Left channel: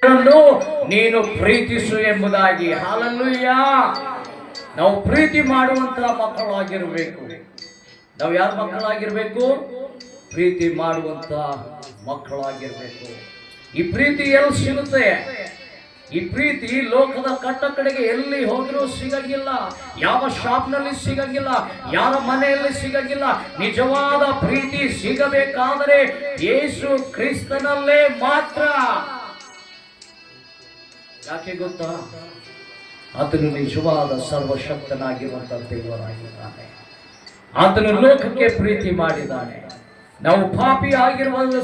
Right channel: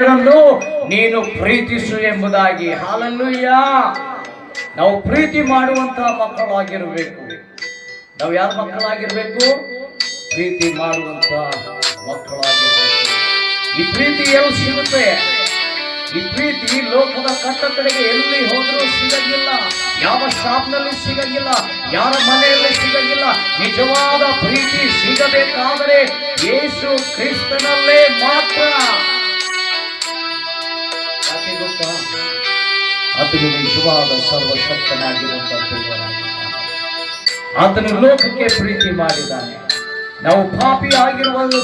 ನೀನು ಪ್ರೀತಿಸು ಎಂಬುದಾಗಿ. ಹಲ್ಲೆಲೂಯ. ನಾವು ಪ್ರೀತಿ ಮಾಡುವಂತಹ ಮಕ್ಕಳಾಗಿರಬೇಕು. ನಾವು ಯಾರ ಮಕ್ಕಳಾಗಿರ್ಬೇಕು? ಪ್ರೀತಿ ಮಾಡುವಂತ ಮಕ್ಕಳಾಗಿರ್ಬೇಕು. ಈ ಪ್ರೀತಿ ಎಲ್ಲಿ ಸಿಗುತ್ತೆ? ಈ ಪ್ರೀತಿ ಲೋಕದ ಕಟ್ಟಕಡೆಗೆ ಎಲ್ಲಿ ಹೋದರೂ ಸಿಗಲಿಲ್ಲ, ಯಾವ ಶಾಪ್ನಲ್ಲಿ ಸಿಗಲಿಲ್ಲ, ಯಾರ ಮನೆಯಲ್ಲಿ ಸಿಗಲಿಲ್ಲ. ನಿಜವಾದ ಪ್ರೀತಿ ಸಿಗಬೇಕಾದರೆ ಯೇಸು ಕ್ರಿಸ್ತನಲ್ಲೇ ಮಾತ್ರ. ಯಾಕೆ ಗೊತ್ತಾ? ಆತನು ನಿಜವಾದ ಸರ್ವಶಕ್ತನಾಗಿರುವಂತಹ ದೇವರಾಗಿದ್ದಾನೆ. ಆತನು ಲೋಕಕ್ಕೆ ಪ್ರೀತಿ ಮಾಡಿದ್ದಾನೆ. ನಾವು ಪಾಪಿ ಆಗಿರುವುದು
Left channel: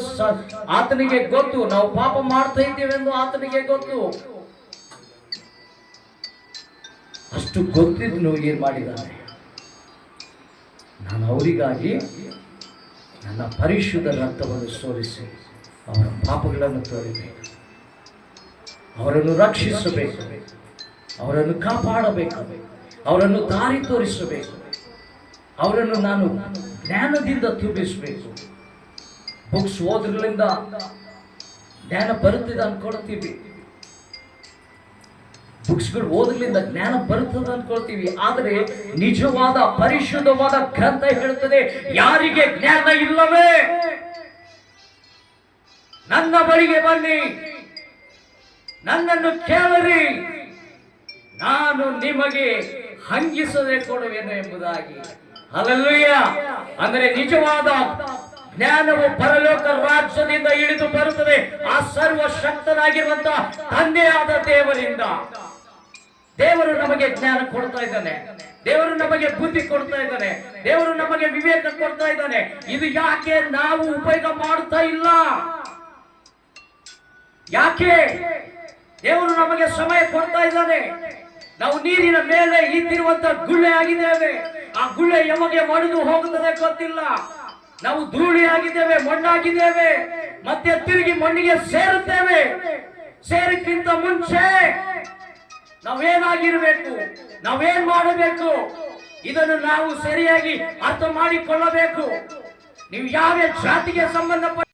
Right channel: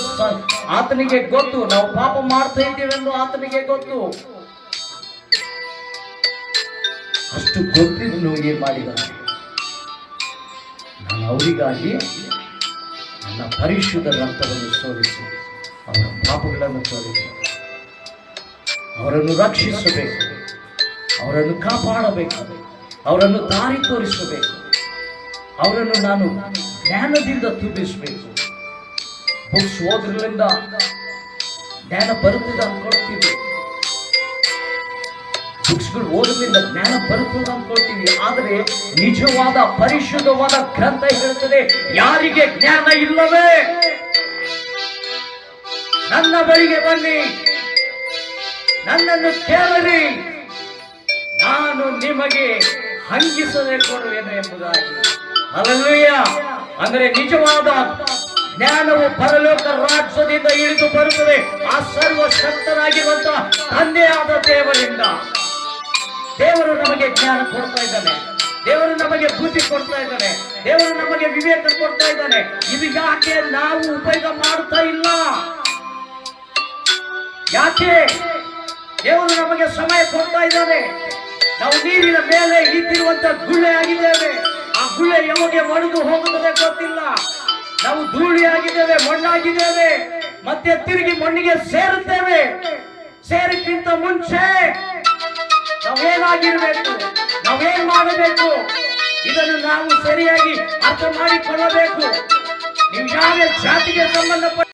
ಆತನಿಗೆ ಗೊತ್ತು. ನಾವು ಪಾಪ ಮಾಡ್ತಾ ಇದ್ದೇವೆಂದು ಆತನಿಗೆ ಗೊತ್ತು. ಅಷ್ಟು ಗೊತ್ತಿದ್ದು ಏನ್ ಮಾಡಿದ್ದಾನೆ? ನಾನು ಅವರಿಗಾಗಿ ನನ್ನ ಪರಿಶುದ್ಧ ರಕ್ತವನ್ನು ಸೋರಿಸಿ ಅವರ ಪಾಪಗಳನ್ನು ತೋರಿಸಿದೆ. ಅವರನ್ನು ರಕ್ಷಿಸಬೇಕು, ಅವರನ್ನು ಕಾಪಾಡಬೇಕು, ಅವರನ್ನು ದಾರಿ ತೋರಿಸಬೇಕು, ಅವರನ್ನು ನಾನು ಜ್ಞಾನದಿಂದ ತುಂಬಿಸಬೇಕು. ಬುಕ್ಸ್ ಓದ್ರಿಂದ ಜ್ಞಾನ ಬರುತ್ತದೆ ಅನ್ಕೊಳ್ತೀವಿ, ಬುಕ್ಸ್ಗಳು ಓದೋದ್ರಿಂದ ಜ್ಞಾನ ಬರುತ್ತದೆ ಅನ್ಕೊಳ್ತೀವಿ. ಆದರೆ ನಿಜವಾದ ಪರಿಶುದ್ಧವಾದ ಗ್ರಂಥ ಹೇಳ್ತದೆ, ಯಾರಿಗೆ ಜ್ಞಾನ ಇಲ್ಲವೇ ನನ್ನ ಬಳಿಗೆ ಬನ್ನಿ, ನನ್ನನ್ನು ಕೇಳಲಿ, ನಾನು ನಿಮಗೆ ಹಂಗಿಸದೆ ಕೊಡುವೆನು ಎಂಬುದಾಗಿ. ಹಲ್ಲೆಲೂಯ. ಅಂದರೆ ನಿಜವಾದ ಜ್ಞಾನವು ಪರಲೋಕ ರಾಜ್ಯದಿಂದ ಇಳಿದು ಬರುತ್ತದೆ ಆ ಸರ್ವಶಕ್ತನಾಗಿರುವಂತಹ ತಂದೆಯಾದ ದೇವರಿಂದ. ದೇವರು ನಮಗೆ ಜ್ಞಾನ ಕೊಡ್ತಾ ಇದ್ದಾನೆ, ದೇವರು ನಮಗೆ ಬುದ್ಧಿ ಕೊಡ್ತಾ ಇದ್ದಾನೆ, ದೇವರು ನಮಗೆ ವಿವೇಕ ಕೊಡ್ತಾ ಇದ್ದಾನೆ. ಇದು ಯಾಕೆ ನಾವು ಉಪಯೋಗ ಮಾಡ್ತಾ ಇಲ್ಲ? ಯಾಕೆ? ದೇವರು ನಮಗೆ ಸಮಯ ಕೊಡ್ತಾ ಇದ್ದಾನೆ. ನಾವು ನೀರಿನ ಮೇಲೆ ಇದ್ದಿರುವಂತ ಗುಳ್ಳೆ ಆಗಿದ್ದೇವೆ. ಆ ಗುಳ್ಳೆ ಯಾವಾಗ ಒಡೆದು ಹೋಗುತ್ತದೆ ಗೊತ್ತಿಲ್ಲ. ನಾವು ಧೂಳಿ ಆಗಿದ್ದೇವೆ, ಮಣ್ಣಾಗಿದ್ದೇವೆ, ಮತ್ತೆ ತಿರುಗಿ ಮಣ್ಣಿಗೆ ಸೇರುತ್ತೇವೆ. ಸೇರಕ್ಕಿಂತ ಮುಂಚೆ ನಾವೇನಾಗಿರ್ಬೇಕು, ನಾವೇನ್ ಮಾಡಬೇಕು, ಇದನ್ನು ನಾವು ಸರಿಯಾಗಿ ಅರ್ಥ ಮಾಡಿಕೊಳ್ಳಬೇಕು. ನೀವು ಯಾವ ಜಾತಿಗೆ ಸಂಬಂಧಪಟ್ಟ